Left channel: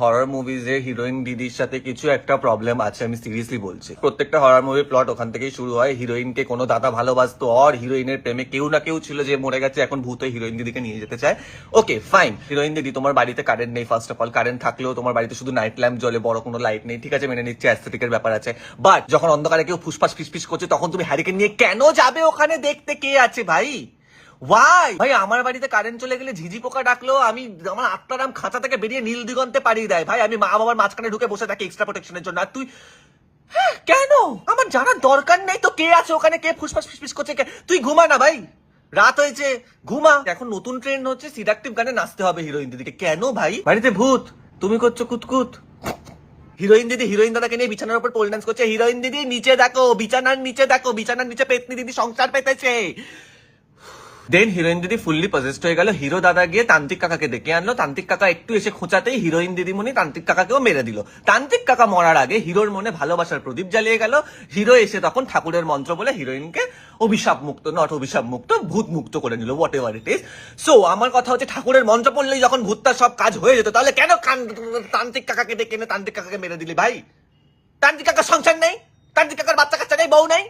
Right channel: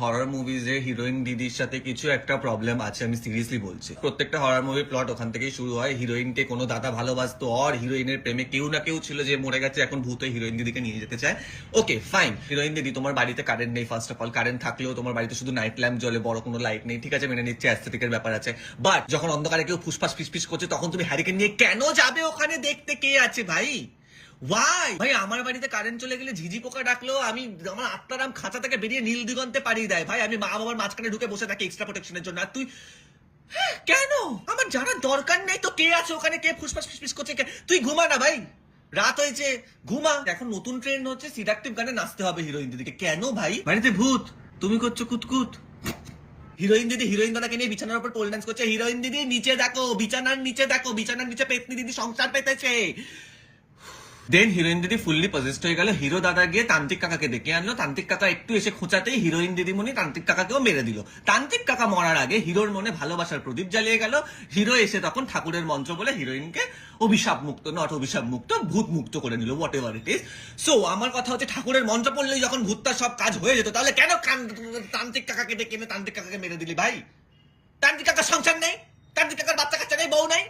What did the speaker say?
Horror মুভিজে heroine দিদির সাথে কিছু একটা প্রবলেম আছে, আমি সিরিয়াসলি বলছি। প্রত্যেকটা হরর মুভির প্লট ওখান থেকেই শুরু হয়। হিরোইনকে কোনো দাদা ভালোবাসতো আর হিরোইনের প্রেমে কেউ না কেউ ছিল যে মরে গেছে, এখন ভূত হিরোইন দিদিকে নিয়ে যেতে চায়। ওকে ফাইন হিরোইন দিদি, তোমার বাড়িতে কারেন্ট নেই ফার্স্ট অফ অল কারেন্ট থাকলেও তোমার বাড়িতে শুধু নাইট ল্যাম্প জ্বলে, বড় কোনো লাইট নেই, ঠিক আছে, মেনে নিচ্ছে অ্যাস্থেটিকের ব্যাপার আছে। বাট যখন অন্ধকারে কেউ ফুসফাস, ফিসফিস করছে, তখন তুমি হ্যারিকেন নিয়ে কেন যাবে ওখানে? দেখতে কে আছে ভাই? ওয়াই ভাই আমার বাড়িতে কারেন্ট চলে গেলে ঝিঝি পোকা ডাকলো আমি আমার আত্মারাম খাঁচা থেকে বেরিয়ে নীল দিগন্তে পাড়িয়ে দেয়। ভাই আমি মা বাবার মাঝখানে ঢুকে বসে থাকি এক্সট্রা প্রোটেকশনের জন্য। আর তুই হ্যাঁ, কেন? আমার জানার দরকার নেই তো কে আছে ওখানে কে ফুসফাস ফিসফিস করছে? তুই ঘুমা না ভাই। রাত হয়েছে ঘুমা। এখন নতুন ট্রেন্ড হচ্ছে সিডাকটিভ গানে নাচতে হবে হিরোইন দিদিকে। কেন ভাই? বাড়িতে ভূত তুমি করছ কুতকুত। হিরোইন দিদি হিরোইন দাদাকে নিয়ে বিছানার উপর পোল ডান্স করছে। হিরোইন দিদি নিচে দেখো বিছানার নিচে দেখো বিছানার নিচে পেতনি দিদি সংসার পেতেছে। দেন হিরোইন দিদি ফুললি পজেস্ট হয়ে গেল। হিরো দাদা গিয়ে তান্ত্রিক কাকাকে ডেকে আনলো। তান্ত্রিক কাকা একটু এসে খোঁচাতেই হিরোইন দিদিমণি তান্ত্রিক কাকাকেও মেরে দিল। তান্ত্রিক কাকা মরার আগে হিরোর মনে ভালোবাসার প্রদীপ জ্বালিয়ে গেল। হিরো এসে তখন ঠাকুরের মন্ত্র বলে হিরোইনকে অভিশাপ মুক্ত নট অভিশাপ মুক্ত, ভূত মুক্ত করে নিল whatever it is so আমার কথা হচ্ছে ঠাকুরের মন্ত্র পড়লেই যখন ভূতটার সব কাজ হয়ে যেত, তাহলে কেন তান্ত্রিক কাকাকে ডেকে এনে তান্ত্রিক কাকাকে মেরে দিলি ভাই? তান্ত্রিক কাকার সংসার নেই? তান্ত্রিক কাকার বাচ্চা কাচ্চা নেই? বউ নেই?